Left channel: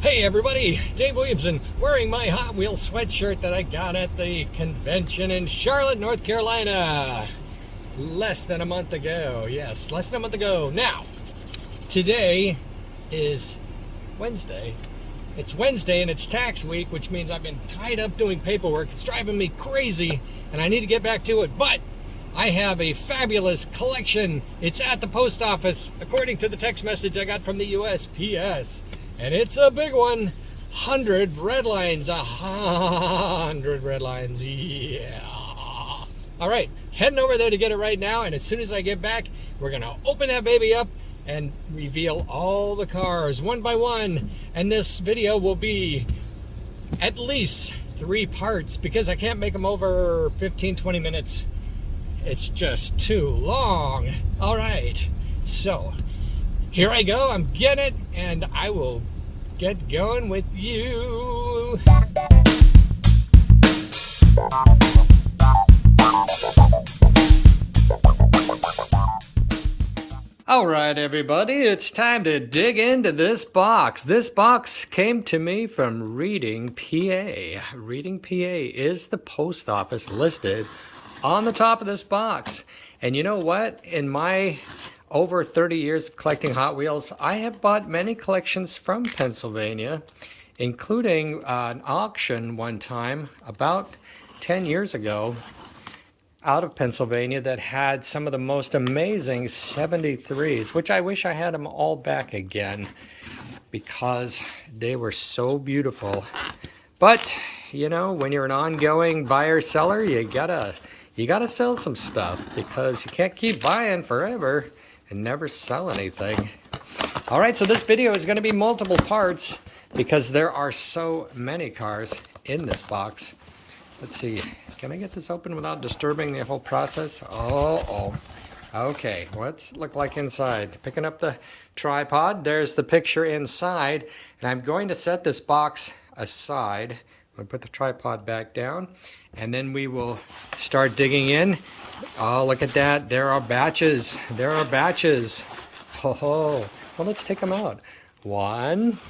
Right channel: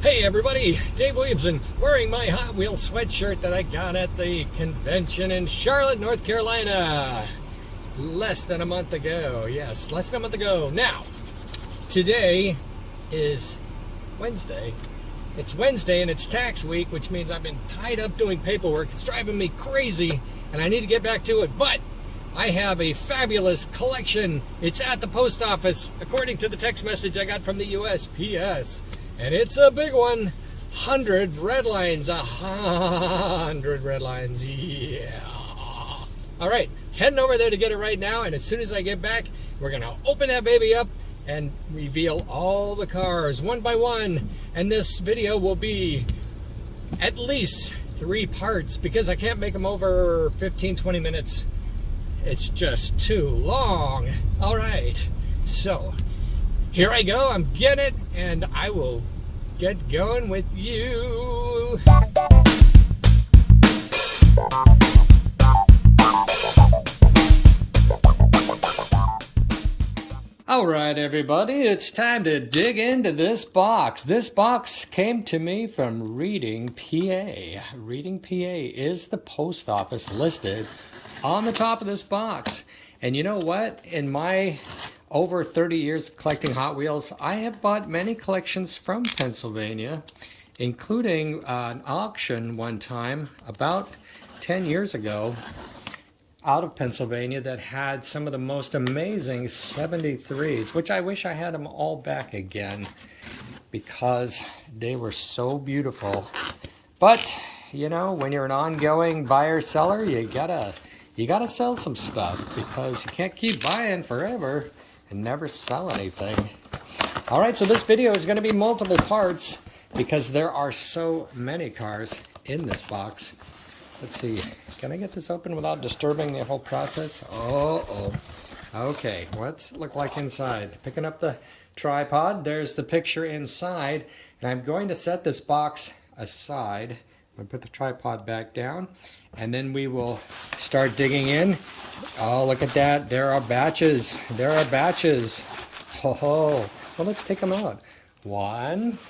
Hey everybody, Dave Williamson wearing my Hot Wheels sweatshirt that I got at the convention in Charlotte, North Carolina. Less than a month ago. Yes, less than a month ago. Now, today is Wednesday. It's Wednesday and it's tax week, which means I've been tied up doing paperwork. It's driving me crazy and I need to get back to it. But I have a fabulous collection. It's at the post office, according to the text message I got from the USPS. And it's a big one. 100 redlines. 100 redlines. Yeah. All right. Heading over there to get it right now. And as soon as I get back, we're going to open that baby up and reveal all the cars one by one. And this video will be at least 3 parts because I can't make them over 15-20 minutes. It's just too long. All right. So here I go. I'm getting it, and I will get going with you. All right, everybody, it's time to dig into this box. This box came to me from Reading, PA. Reading, PA is the post office listed on the top of this box. And you know what? In my over 30 years of collecting Hot Wheels, I have bought many collections from Pennsylvania, including an auction one time about 10 years ago out of Pennsylvania that had some of the most amazing 73s, which I wish I had them all back again because they were so beautiful. But, you know, when you're an ongoing buyer-seller, you gotta sell some stuff because you can't keep buying forever and never sell anything. All right, so this video is going to be multiple parts because there are so many cars in this box. Let's see, can I get this open without disturbing the whole process? Oh. Okay, what's it look like inside? Picking up the tripod, there's the picture inside, and I'm going to set this box aside. I'm going to put the tripod back down, and then we will start digging in. Oh, look at that. There are batches. There are batches. Oh, well, let's take them out. 1,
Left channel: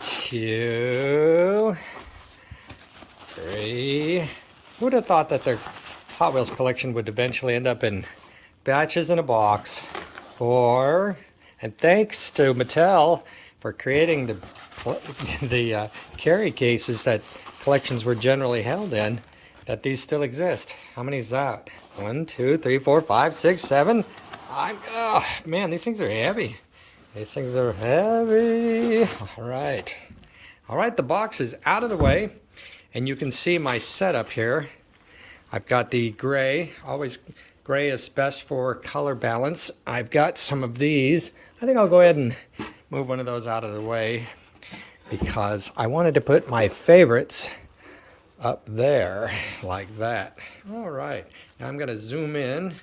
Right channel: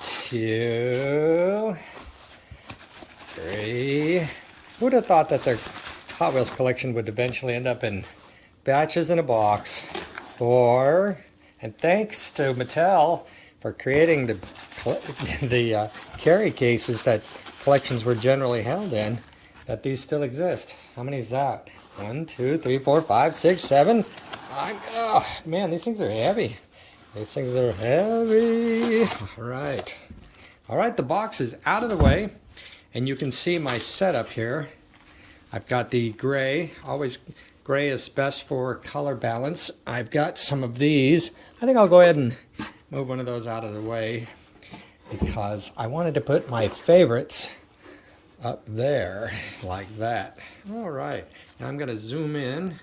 2, 3. Who would have thought that their Hot Wheels collection would eventually end up in batches in a box? 4. And thanks to Mattel for creating the carry cases that collections were generally held in, that these still exist. How many is that? 1, 2, 3, 4, 5, 6, 7. Oh, man, these things are heavy. These things are heavy. All right. All right, the box is out of the way, and you can see my setup here. I've got the gray. Always gray is best for color balance. I've got some of these. I think I'll go ahead and move one of those out of the way because I wanted to put my favorites up there like that. All right, now I'm going to zoom in.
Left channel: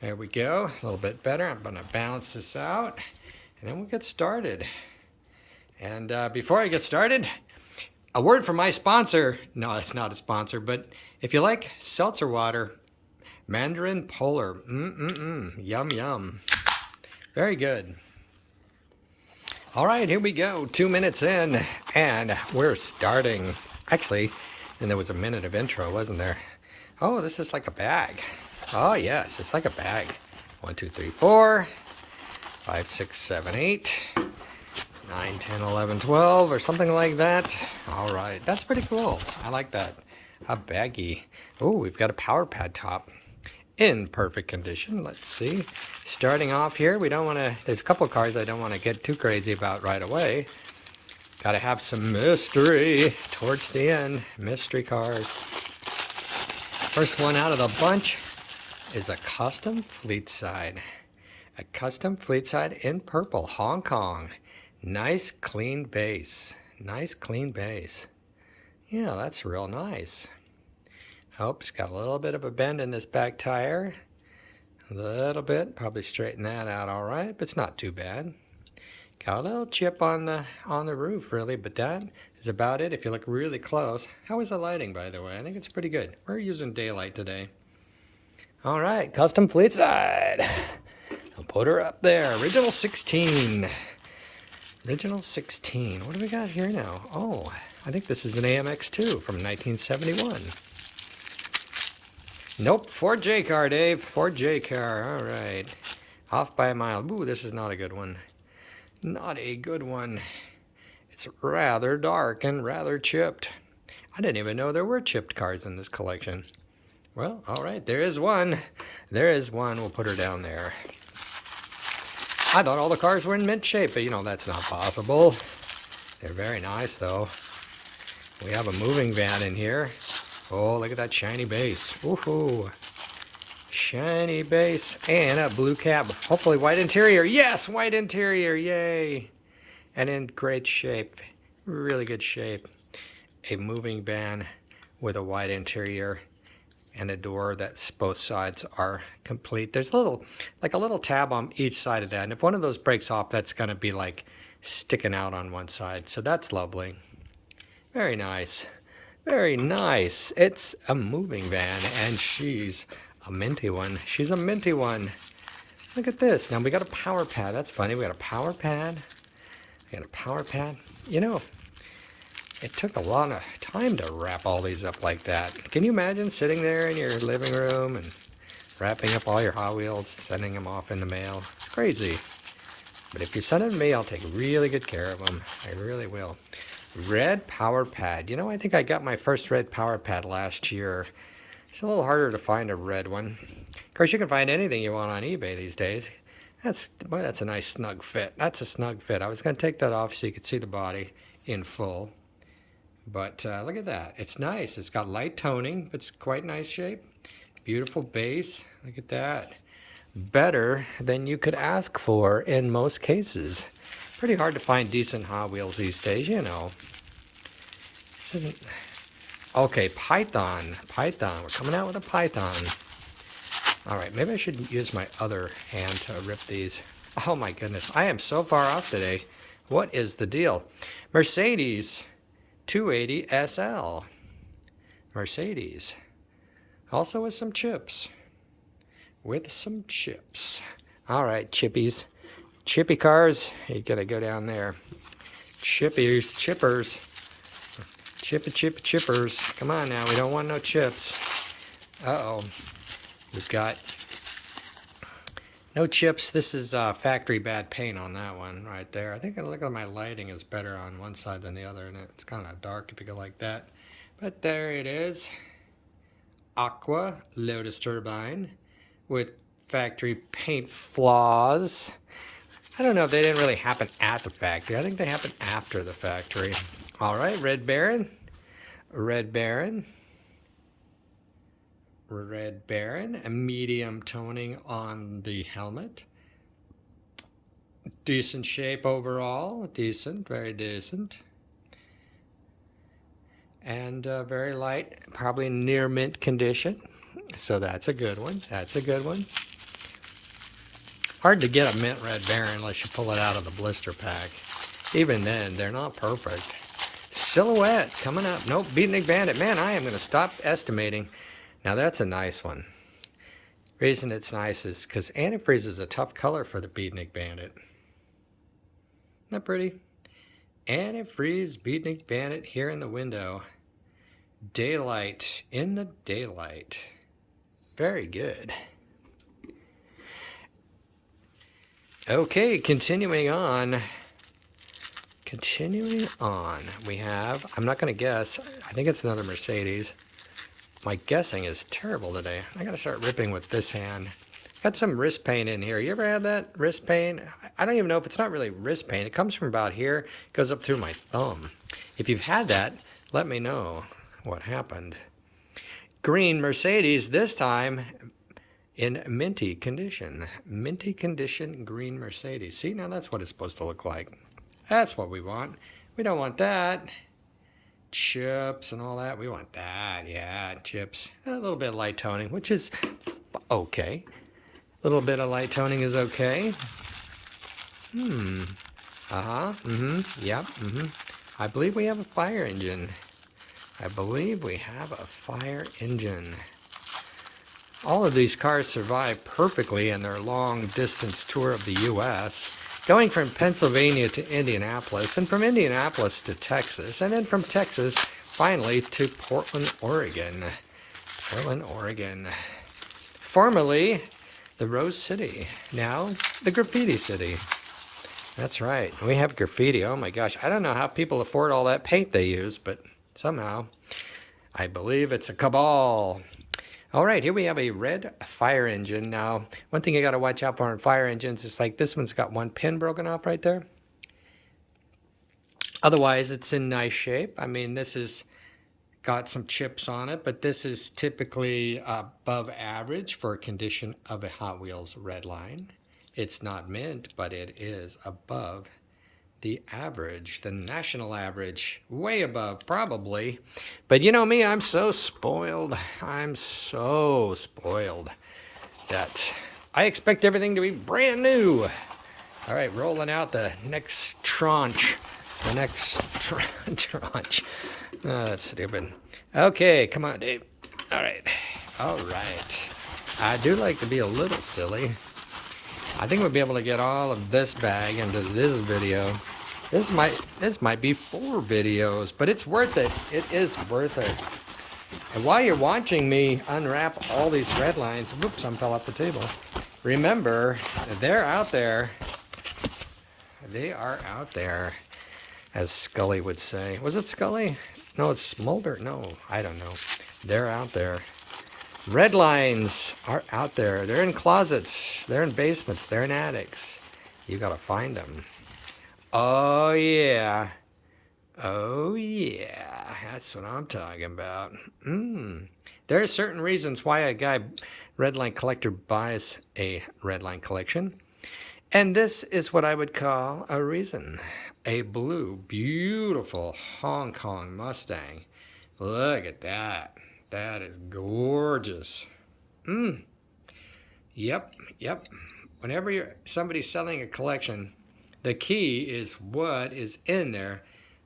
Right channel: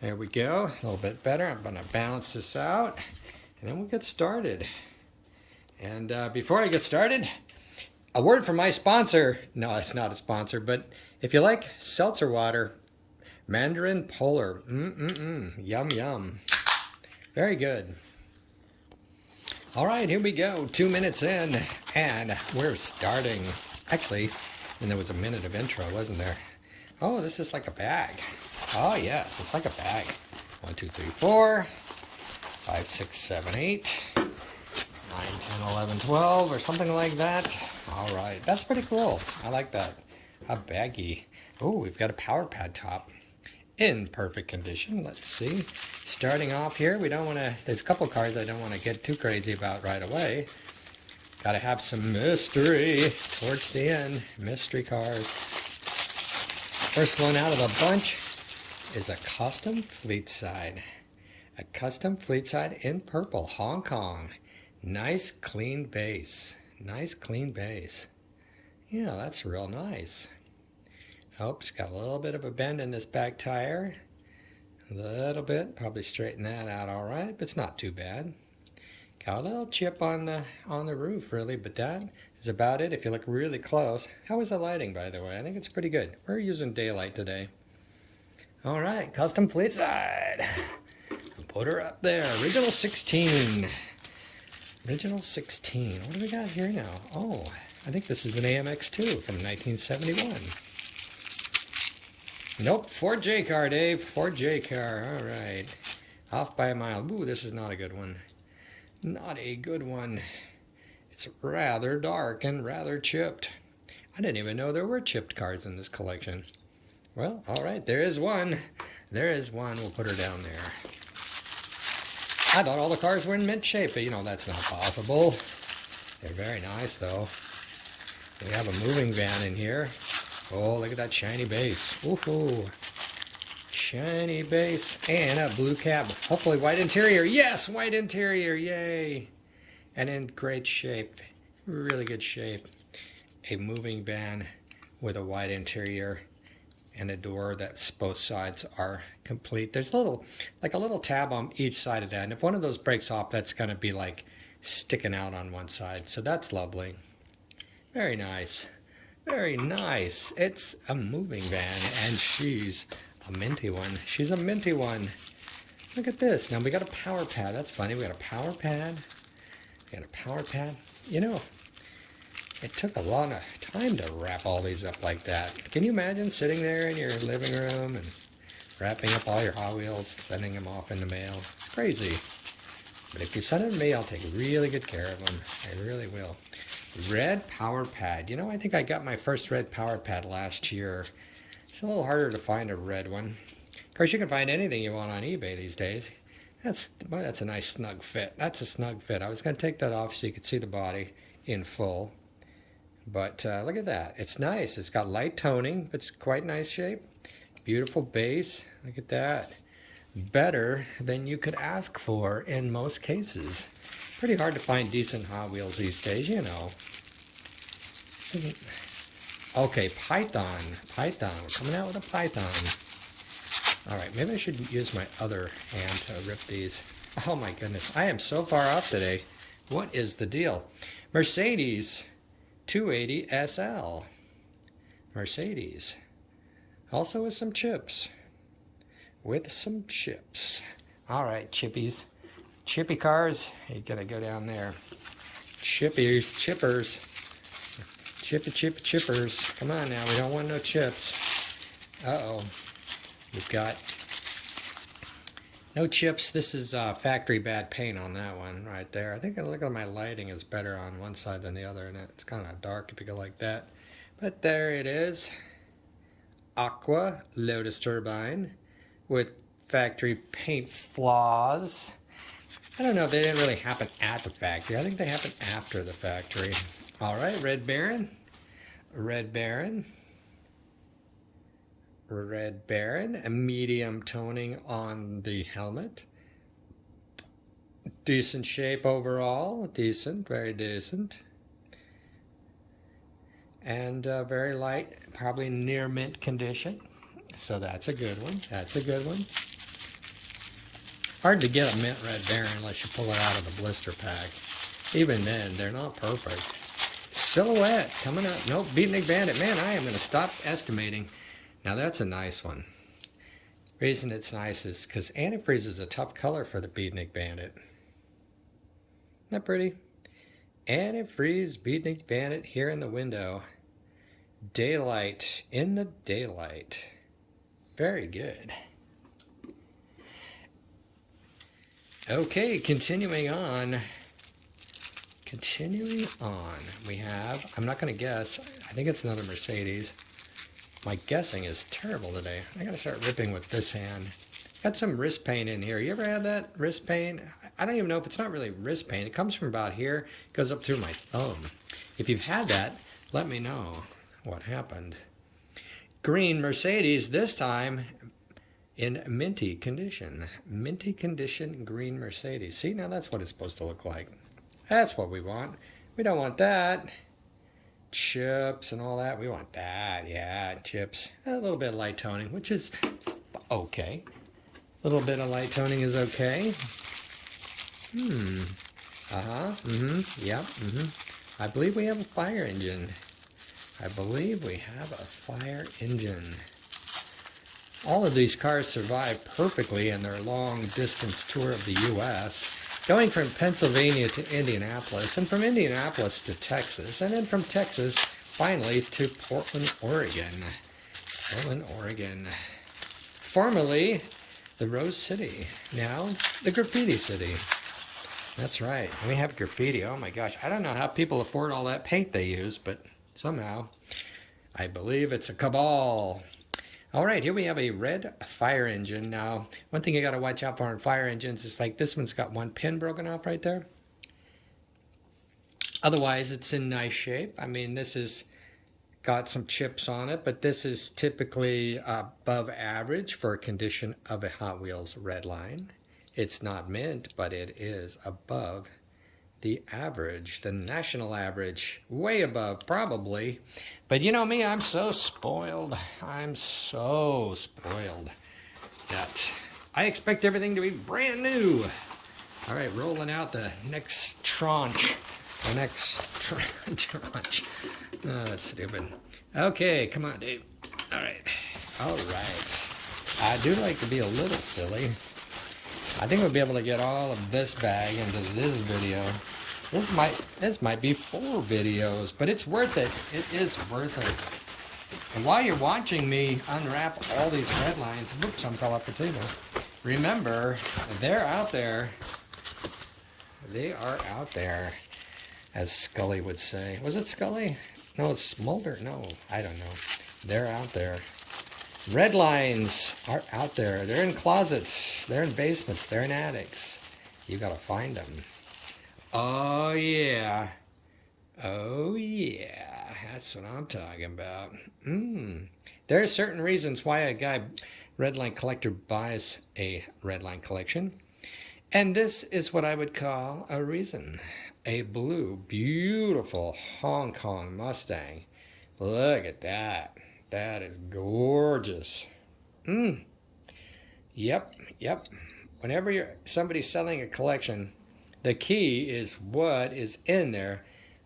There we go, a little bit better. I'm going to balance this out and then we'll get started. And before I get started, a word from my sponsor. No, it's not a sponsor, but if you like seltzer water, Mandarin Polar, yum yum, very good. All right, here we go, 2 minutes in and we're starting. Actually, and there was a minute of intro, wasn't there? Oh, this is like a bag. Oh, yes, it's like a bag. 1, 2, 3, 4, 5, 6, 7, 8, 9, 10, 11, 12, or something like that. All right, that's pretty cool. I like that. A baggie. Oh, we've got a power pad top in perfect condition. Let's see. Starting off here, we don't want to, there's a couple cars I don't want to get too crazy about right away. Got to have some mystery towards the end. Mystery cars. First one out of the bunch is a custom fleet side. A custom fleet side in purple, Hong Kong. Nice clean base. Nice clean base. Yeah, that's real nice. Oh, it's got a little bit of a bend in this back tire. A little bit. Probably straighten that out all right, but it's not too bad. Got a little chip on the roof, really, but that is about it if you look really close. How is the lighting, by the way? I think it's pretty good. We're using daylight today. All right, custom fleet side. I'll put her up there. Original 16. Original 16. What do we got here now? Oh, I think this is an AMX2 from 1971. Nope, Ford J car, Dave. Ford J car. All right. Off by a mile. Ooh, this is not a good one. Not a good one. It's rather dark and rather chipped. I didn't even know there were chipped cars in this collection. Well, all right, there is one. There is one. We'll put her down there. I thought all the cars were in mint shape, but you know, that's not possible. They're very nice, though. We have a moving van in here. Oh, look at that shiny base. Woohoo. Shiny base and a blue cab. Hopefully white interior. Yes, white interior. Yay. And in great shape. Really good shape. A moving van with a white interior and a door that's both sides are complete. There's a little tab on each side of that. And if one of those breaks off, that's going to be like sticking out on one side. So that's lovely. Very nice. Very nice. It's a moving van, and she's a minty one. She's a minty one. Look at this. Now we got a power pad. That's funny. We got a power pad. We got a power pad. You know, it took a lot of time to wrap all these up like that. Can you imagine sitting there in your living room and wrapping up all your Hot Wheels, sending them off in the mail? It's crazy. But if you send them to me, I'll take really good care of them. I really will. Red power pad. You know, I think I got my first red power pad last year. It's a little harder to find a red one. Of course, you can find anything you want on eBay these days. Boy, that's a nice snug fit. That's a snug fit. I was going to take that off so you could see the body in full. But look at that. It's nice. It's got light toning, but it's quite nice shape. Beautiful base. Look at that. Better than you could ask for in most cases. Pretty hard to find decent Hot Wheels these days, you know. This isn't... Okay, Python. Python. We're coming out with a Python. All right, maybe I should use my other hand to rip these. Oh my goodness, I am so far off today. What is the deal? Mercedes 280 SL. Mercedes. Also with some chips. With some chips. All right, chippies. Chippy cars, you gotta go down there. Chippies, chippers. Chippers. Come on now, we don't want no chips. Uh-oh. We've got no chips. This is factory bad paint on that one right there. I think look at my lighting is better on one side than the other, and it's kind of dark if you go like that. But there it is. Aqua Lotus turbine with factory paint flaws. I don't know if they didn't really happen at the factory. I think they happened after the factory. All right, Red Baron. Red Baron. Red Baron. A medium toning on the helmet. Decent shape overall. Decent, very decent. And very light, probably near mint condition. So that's a good one. That's a good one. Hard to get a mint Red Baron unless you pull it out of the blister pack. Even then, they're not perfect. Silhouette coming up. Nope, Beatnik Bandit. Man, I am going to stop estimating. Now that's a nice one. Reason it's nice is because antifreeze is a tough color for the Beatnik Bandit. Isn't that pretty? Antifreeze Beatnik Bandit here in the window. Daylight in the daylight. Very good. Okay, continuing on. Continuing on, we have, I'm not going to guess, I think it's another Mercedes. My guessing is terrible today. I got to start ripping with this hand. Got some wrist paint in here. You ever had that wrist paint? I don't even know if it's not really wrist paint. It comes from about here, goes up through my thumb. If you've had that, let me know what happened. Green Mercedes, this time in minty condition. Minty condition green Mercedes. See, now that's what it's supposed to look like. That's what we want. We don't want that. Chips and all that. We want that. Yeah, chips. A little bit of light toning, which is okay. A little bit of light toning is okay. Yep. I believe we have a fire engine. I believe we have a fire engine. All of these cars survive perfectly in their long distance tour of the U.S. going from Pennsylvania to Indianapolis, and from Indianapolis to Texas, and then from Texas, finally, to Portland, Oregon. Portland, Oregon. Formerly the Rose City, now the Graffiti City. That's right, we have graffiti. Oh my gosh, I don't know how people afford all that paint they use, but somehow I believe it's a cabal. All right, here we have a red fire engine. Now, one thing you got to watch out for on fire engines is like this one's got one pin broken off right there. Otherwise, it's in nice shape. I mean, this is got some chips on it, but this is typically above average for a condition of a Hot Wheels Redline. It's not mint, but it is above the average, the national average, way above probably. But you know me, I'm so spoiled. I'm so spoiled that I expect everything to be brand new. All right, rolling out the next tranche. The next tranche. Oh, that's stupid. Okay, come on, Dave. All right. All right. I do like to be a little silly. I think we'll be able to get all of this bag into this video. This might be 4 videos, but it's worth it. It is worth it. And while you're watching me unwrap all these red lines, whoops, some fell off the table. Remember, they're out there. They are out there, as Scully would say. Was it Scully? No, it's Smolder. No, I don't know. They're out there. Red lines are out there. They're in closets. They're in basements. They're in attics. You gotta find them. Oh, yeah. Oh, yeah. That's what I'm talking about. There are certain reasons why a guy, Redline collector, buys a Redline collection. And this is what I would call a reason. A blue, beautiful Hong Kong Mustang. Look at that. That is gorgeous. Yep. Whenever somebody's selling a collection, the key is what is in there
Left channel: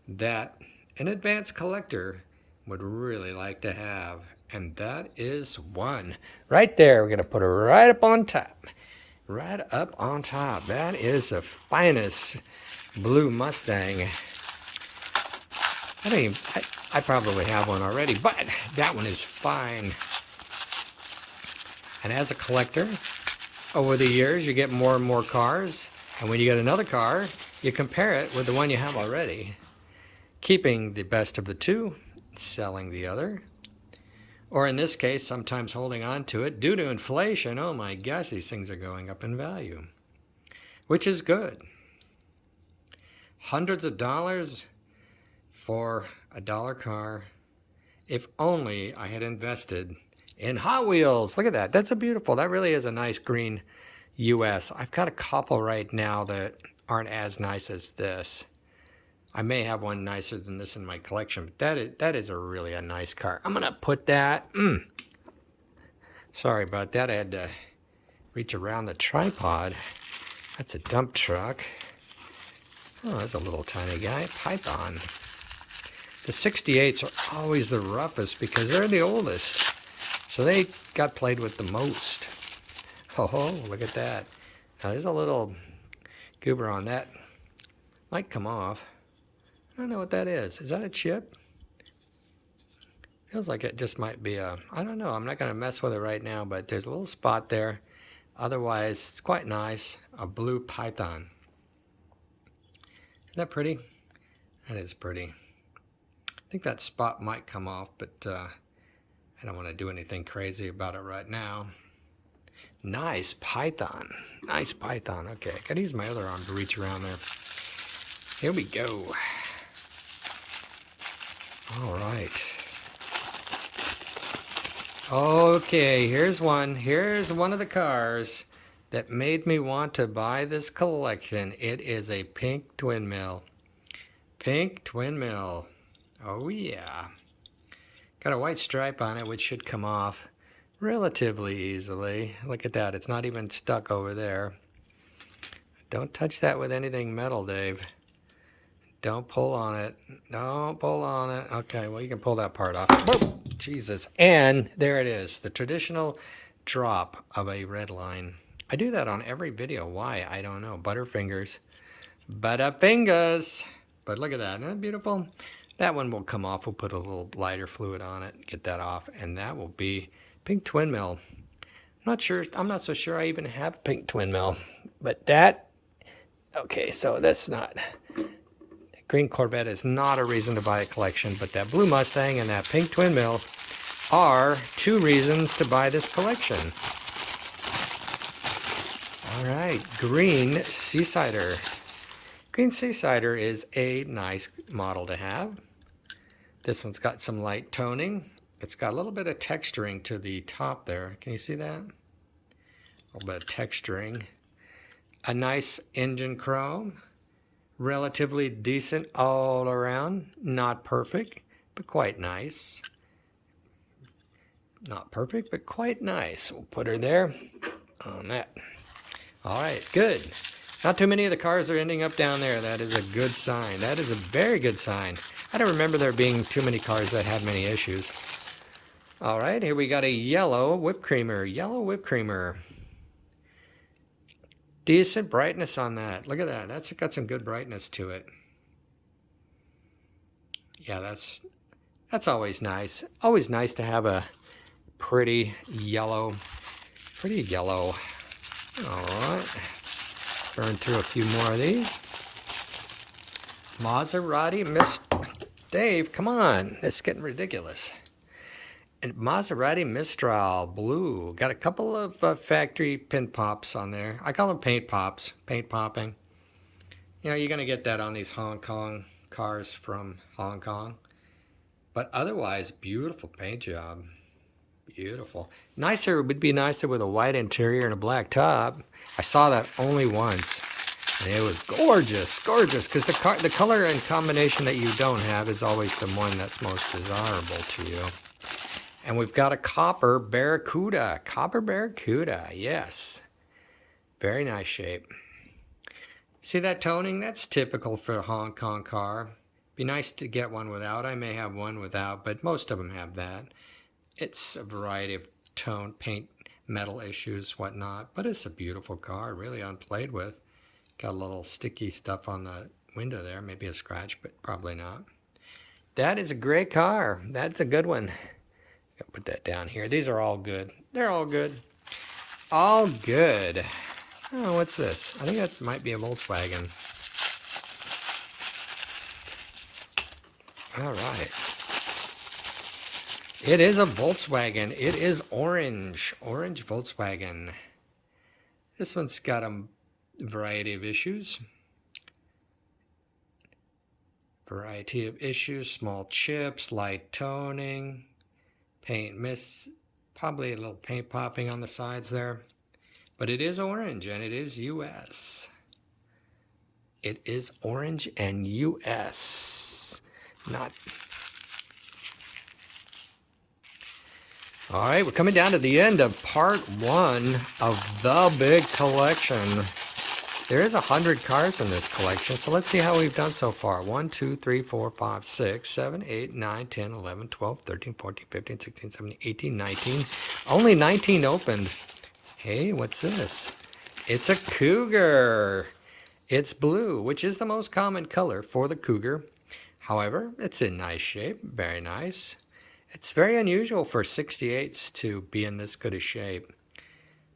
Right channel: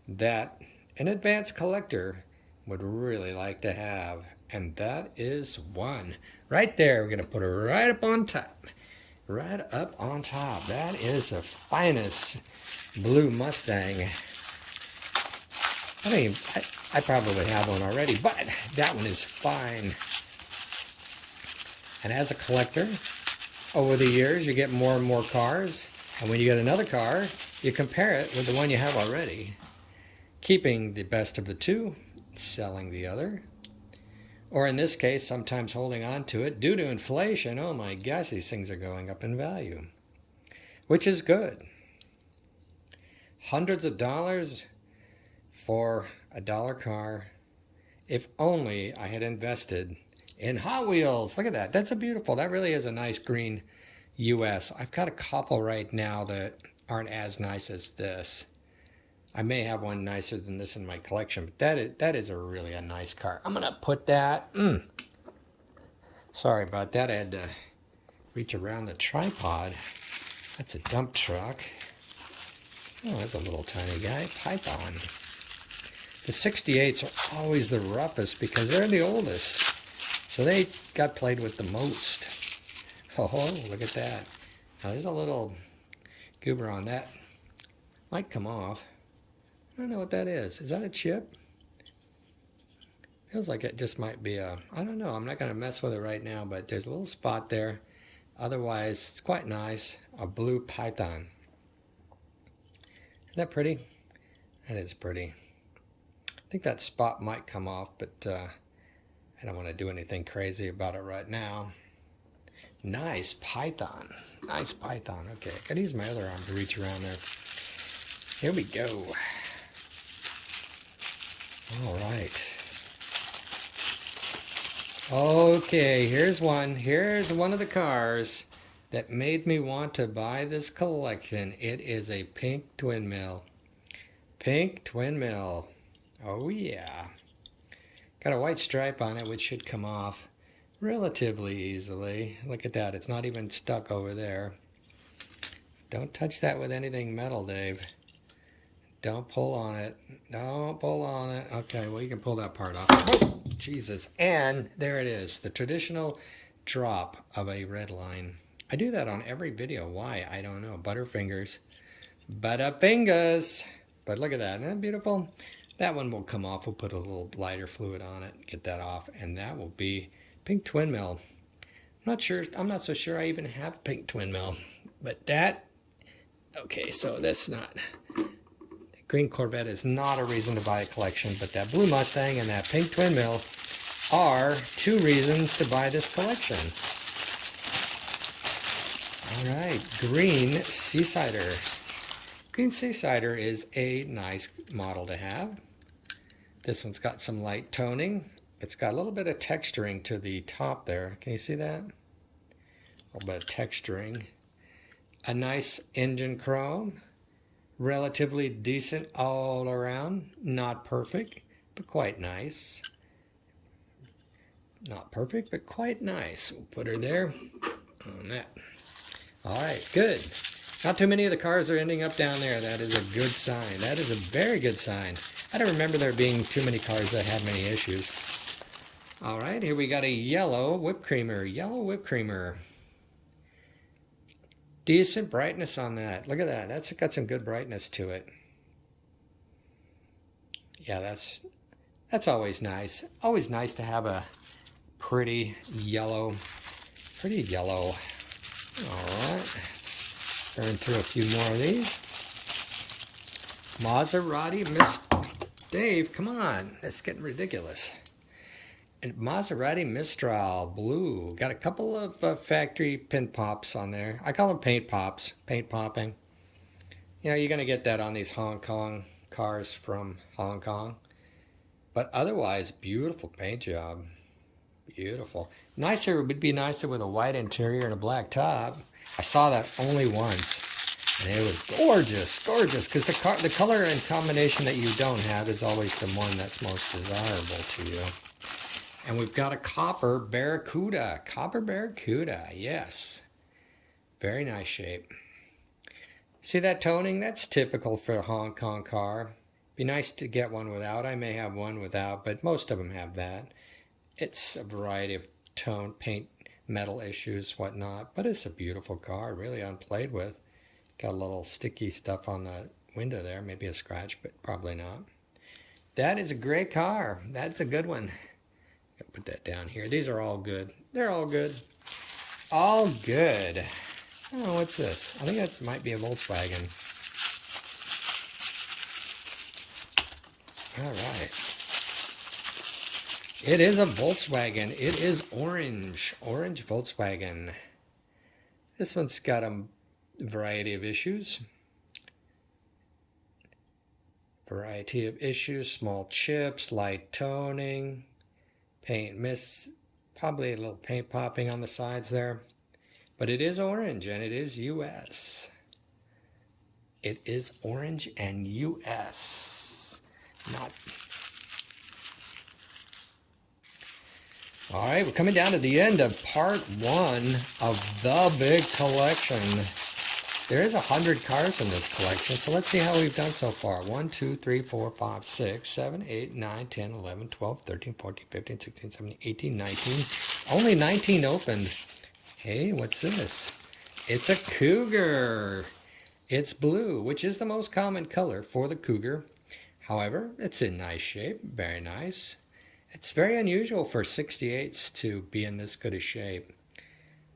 that an advanced collector would really like to have. And that is one. Right there, we're going to put it right up on top. Right up on top. That is the finest blue Mustang. I mean, I probably have one already, but that one is fine. And as a collector, over the years, you get more and more cars. And when you get another car, you compare it with the one you have already. Keeping the best of the two, selling the other. Or in this case, sometimes holding on to it due to inflation. Oh my gosh, these things are going up in value, which is good. Hundreds of dollars for a $1 car. If only I had invested in Hot Wheels. Look at that. That's a beautiful, that really is a nice green US. I've got a couple right now that aren't as nice as this. I may have one nicer than this in my collection, but that is a nice car. I'm gonna put that, sorry about that. I had to reach around the tripod. That's a dump truck. Oh, that's a little tiny guy. Python. The 68s are always the roughest because they're the oldest. So they got played with the most. Oh, look at that. Now there's a little goober on that. Might come off. I don't know what that is. Is that a chip? Feels like it just might be a, I don't know. I'm not going to mess with it right now, but there's a little spot there. Otherwise, it's quite nice. A blue Python. Isn't that pretty? That is pretty. I think that spot might come off, but I don't want to do anything crazy about it right now. Nice Python. Nice Python. Okay, I gotta use my other arm to reach around there. Here we go. All right. Okay, here's one. Here's one of the cars that made me want to buy this collection. It is a pink twin mill. Pink twin mill. Oh yeah. Got a white stripe on it, which should come off relatively easily. Look at that. It's not even stuck over there. Don't touch that with anything metal, Dave. Don't pull on it. Don't pull on it. Okay, well, you can pull that part off. Whoa, Jesus. And there it is. The traditional drop of a red line. I do that on every video. Why? I don't know. Butterfingers. Bada fingers. But look at that. Isn't that beautiful? That one will come off. We'll put a little lighter fluid on it, get that off, and that will be pink twin mill. I'm not so sure I even have a pink twin mill, but that, okay, so that's not, green Corvette is not a reason to buy a collection, but that blue Mustang and that pink twin mill are 2 reasons to buy this collection. All right, green Seasider. Green Seasider is a nice model to have. This one's got some light toning. It's got a little bit of texturing to the top there. Can you see that? A little bit of texturing. A nice engine chrome. Relatively decent all around. Not perfect, but quite nice. Not perfect, but quite nice. We'll put her there on that. All right, good. Not too many of the cars are ending up down there. That is a good sign. That is a very good sign. I don't remember there being too many cars that had many issues. All right, here we got a yellow whipped creamer. Yellow whipped creamer. Decent brightness on that. Look at that. That's got some good brightness to it. Yeah, that's always nice. Always nice to have a pretty yellow. Pretty yellow. All right. Let's turn through a few more of these. Maserati Miss Dave, come on. It's getting ridiculous. And Maserati Mistral Blue. Got a couple of factory pin pops on there. I call them paint pops. Paint popping. You know, you're going to get that on these Hong Kong cars from Hong Kong. But otherwise, beautiful paint job. Beautiful. Nicer, would be nicer with a white interior and a black top. I saw that only once. And it was gorgeous, gorgeous. Because the color and combination that you don't have is always the one that's most desirable to you. And we've got a copper Barracuda. Copper Barracuda, yes. Very nice shape. See that toning? That's typical for a Hong Kong car. Be nice to get one without. I may have one without, but most of them have that. It's a variety of tone, paint, metal issues, whatnot. But it's a beautiful car, really unplayed with. Got a little sticky stuff on the window there. Maybe a scratch, but probably not. That is a great car. That's a good one. I'll put that down here. These are all good. They're all good. All good. Oh, what's this? I think that might be a Volkswagen. All right. It is a Volkswagen. It is orange. Orange Volkswagen. This one's got a variety of issues. Variety of issues. Small chips, light toning, paint miss, probably a little paint popping on the sides there. But it is orange and it is US. It is orange and US. Not. All right, we're coming down to the end of part 1 of the big collection. There is 100 cars in this collection, so let's see how we've done so far. 1, 2, 3, 4, 5, 6, 7, 8, 9, 10, 11, 12, 13, 14, 15, 16, 17, 18, 19. Only 19 opened. Hey, what's this? It's a Cougar. It's blue, which is the most common color for the Cougar. However, it's in nice shape, very nice. It's very unusual for 68s to be in this good a shape.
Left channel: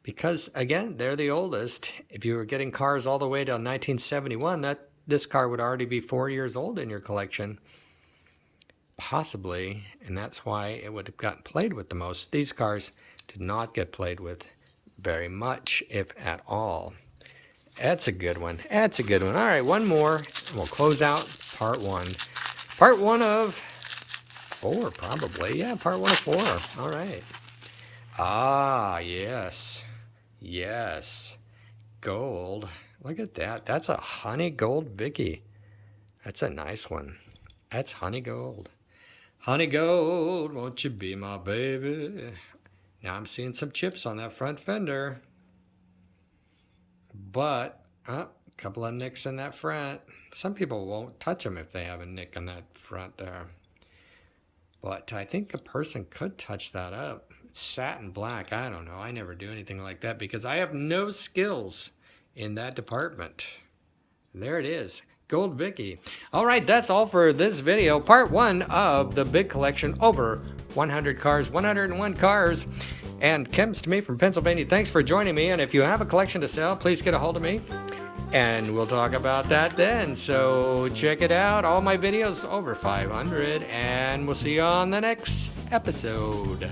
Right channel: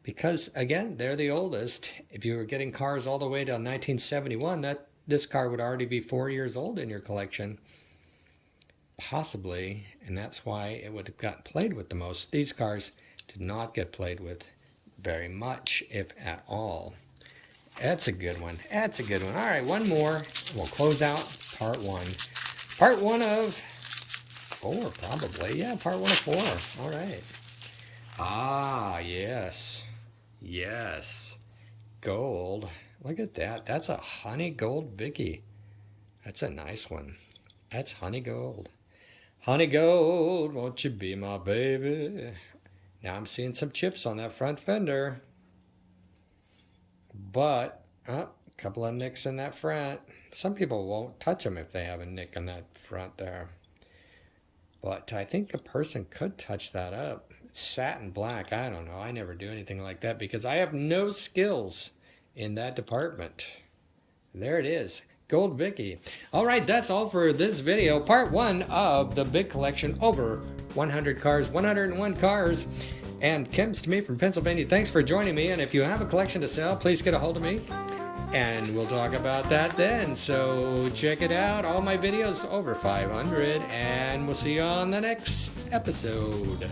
Because, again, they're the oldest. If you were getting cars all the way to 1971, this car would already be 4 years old in your collection. Possibly, and that's why it would have gotten played with the most. These cars did not get played with very much, if at all. That's a good one. That's a good one. All right, one more, and we'll close out part 1. Part 1 of 4, probably. Yeah, part 1 of 4. All right. Ah, yes. Yes. Gold. Look at that. That's a honey gold Vicky. That's a nice one. That's honey gold. Honey gold, won't you be my baby? Now I'm seeing some chips on that front fender. But, a couple of nicks in that front. Some people won't touch them if they have a nick in that front there. But I think a person could touch that up. It's satin black. I don't know. I never do anything like that because I have no skills in that department. There it is. Gold Vicky. All right, that's all for this video. Part 1 of the big collection, over 100 cars, 101 cars. And Kim's to me from Pennsylvania. Thanks for joining me. And if you have a collection to sell, please get a hold of me. And we'll talk about that then. So check it out. All my videos, over 500. And we'll see you on the next episode.